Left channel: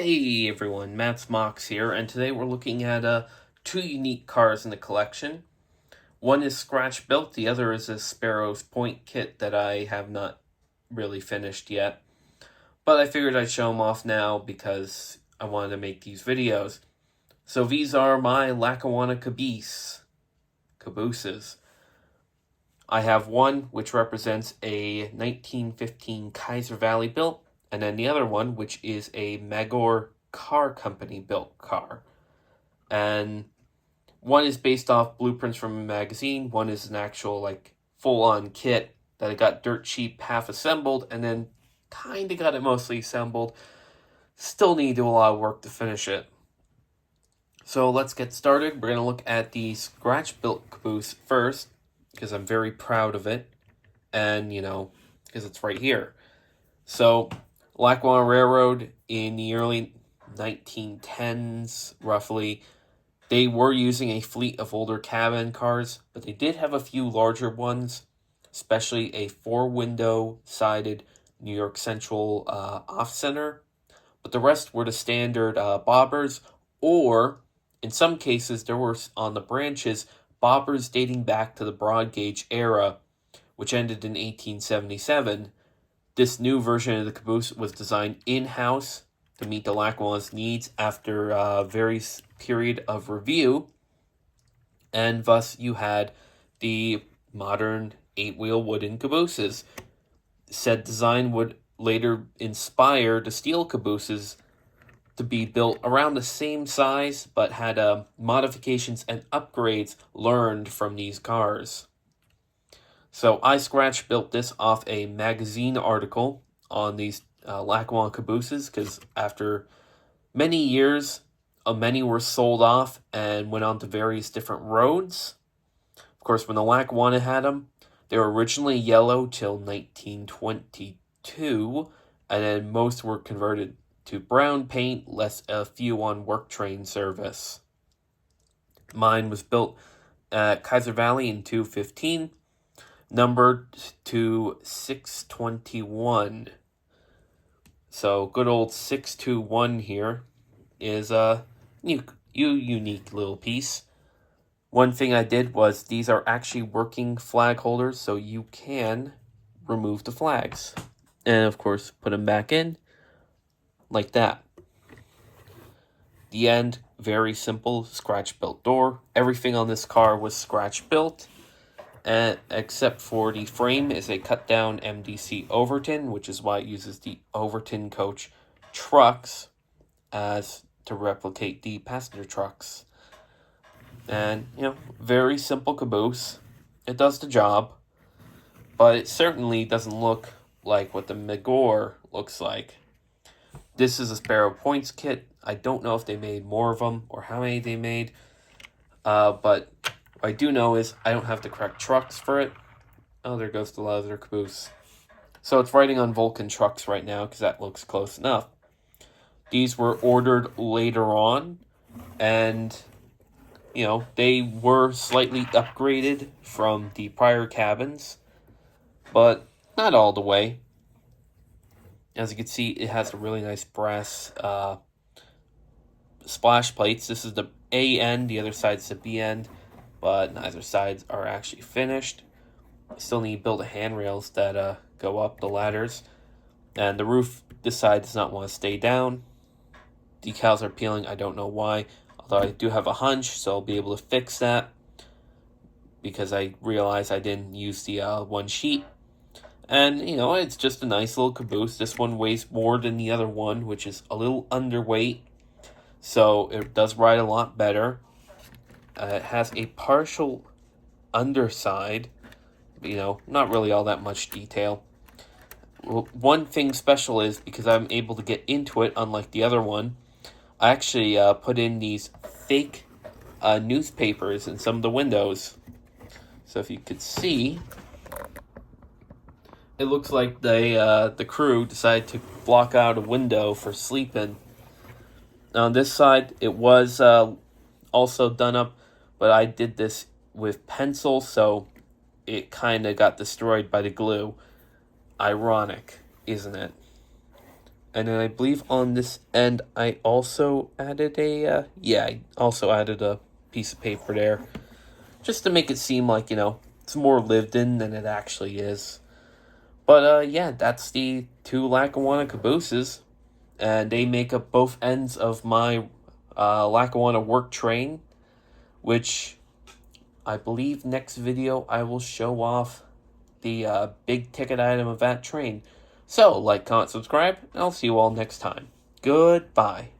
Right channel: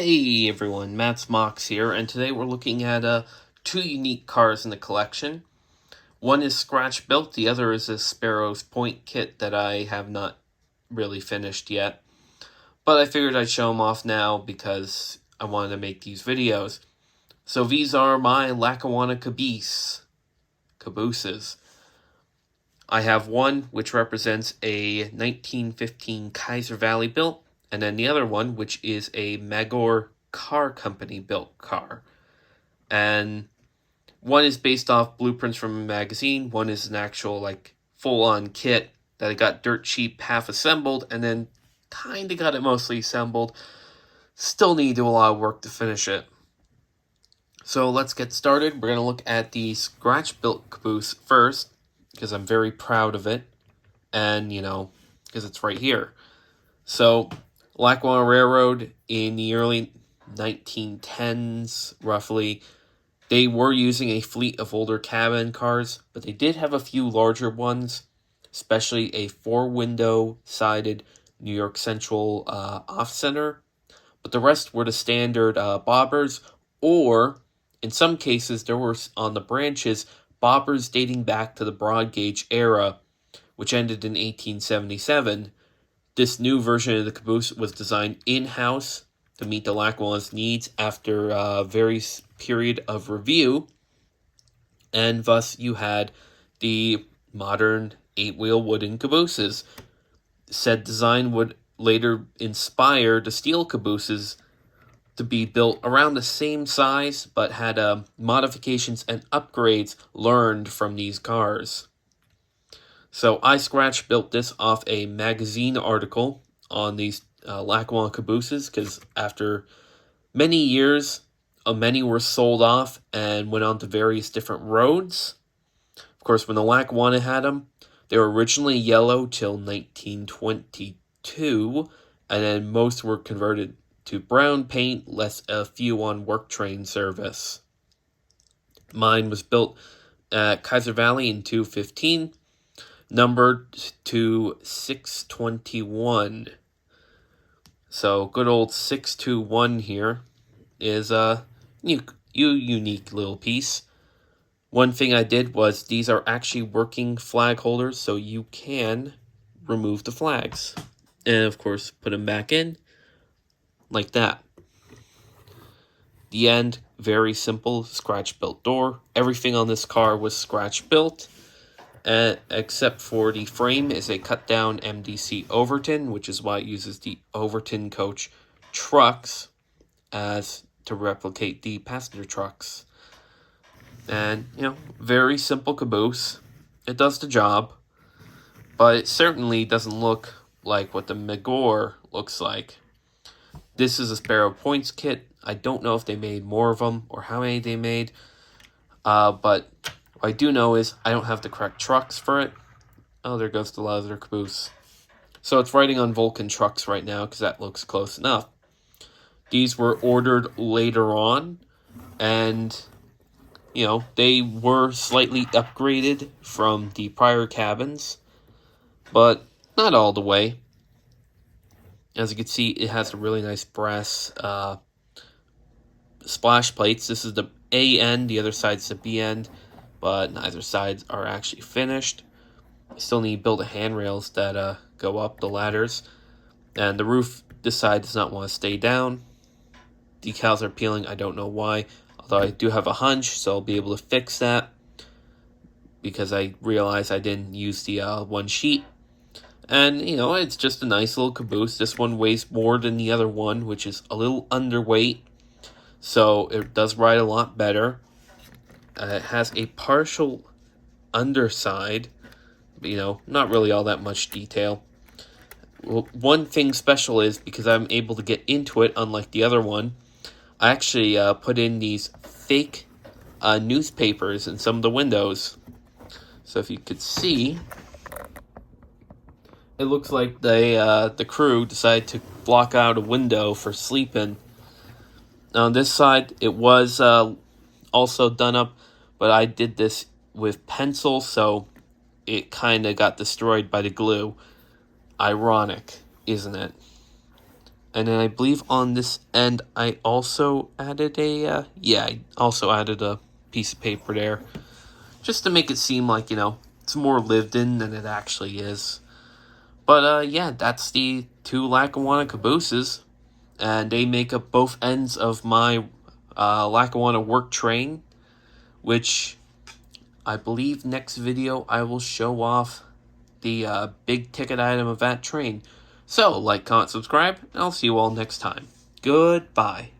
Hey everyone, Matt's Mox here, and today we're looking at two unique cars in the collection. One is scratch built, the other is a Sparrow Point kit that I have not really finished yet. But I figured I'd show them off now because I wanted to make these videos. So these are my Lackawanna Cabooses. I have one which represents a 1915 Kaiser Valley built, and then the other one, which is a Magor Car Company built car. And one is based off blueprints from a magazine, one is an actual, full-on kit that I got dirt cheap, half assembled, and then kind of got it mostly assembled. Still need to do a lot of work to finish it. So let's get started. We're going to look at the scratch-built caboose first, because I'm very proud of it, and, because it's right here. So, Lackawanna Railroad in the early 1910s, roughly, they were using a fleet of older cabin cars, but they did have a few larger ones, especially a four-window sided New York Central off-center, but the rest were the standard bobbers, or, in some cases, there were, on the branches, bobbers dating back to the broad gauge era, which ended in 1877. This new version of the caboose was designed in-house to meet the Lackawanna's needs after a various period of review, and thus you had the modern 8-wheel wooden cabooses. Said design would later inspire the steel cabooses to be built around the same size, but had modifications and upgrades learned from these cars. So I scratch built this off a magazine article on these Lackawanna Cabooses, because after many years, many were sold off and went on to various different roads. Of course, when the Lackawanna had them, they were originally yellow till 1922, and then most were converted to brown paint, less a few on work train service. Mine was built at Kaiser Valley in 215, numbered to 621. So good old 621 here is a unique little piece. One thing I did was these are actually working flag holders, so you can remove the flags. And of course, put them back in like that. The end, very simple, scratch built door. Everything on this car was scratch built. Except for the frame is a cut down MDC Overton, which is why it uses the Overton coach trucks as to replicate the passenger trucks. And, very simple caboose. It does the job, but it certainly doesn't look like what the Magor looks like. This is a Sparrow Points kit. I don't know if they made more of them or how many they made, but what I do know is I don't have the correct trucks for it. Oh, there goes the leather caboose. So it's riding on Vulcan trucks right now because that looks close enough. These were ordered later on, and, they were slightly upgraded from the prior cabins, but not all the way. As you can see, it has a really nice brass splash plates. This is the A end, the other side's the B end, but neither sides are actually finished. I still need to build the handrails that go up the ladders. And the roof, this side does not want to stay down. Decals are peeling, I don't know why. Although I do have a hunch, so I'll be able to fix that, because I realized I didn't use the one sheet. And, it's just a nice little caboose. This one weighs more than the other one, which is a little underweight. So it does ride a lot better. It has a partial underside, not really all that much detail. Well, one thing special is, because I'm able to get into it, unlike the other one, I actually put in these fake newspapers in some of the windows. So if you could see, it looks like the crew decided to block out a window for sleeping. Now on this side, it was also done up, but I did this with pencil, so it kind of got destroyed by the glue. Ironic, isn't it? And then I believe on this end, I also added I also added a piece of paper there. Just to make it seem like, it's more lived in than it actually is. But, yeah, that's the two Lackawanna Cabooses. And they make up both ends of my Lackawanna work train, which I believe next video I will show off the big ticket item of that train. So, like, comment, subscribe, and I'll see you all next time. Goodbye.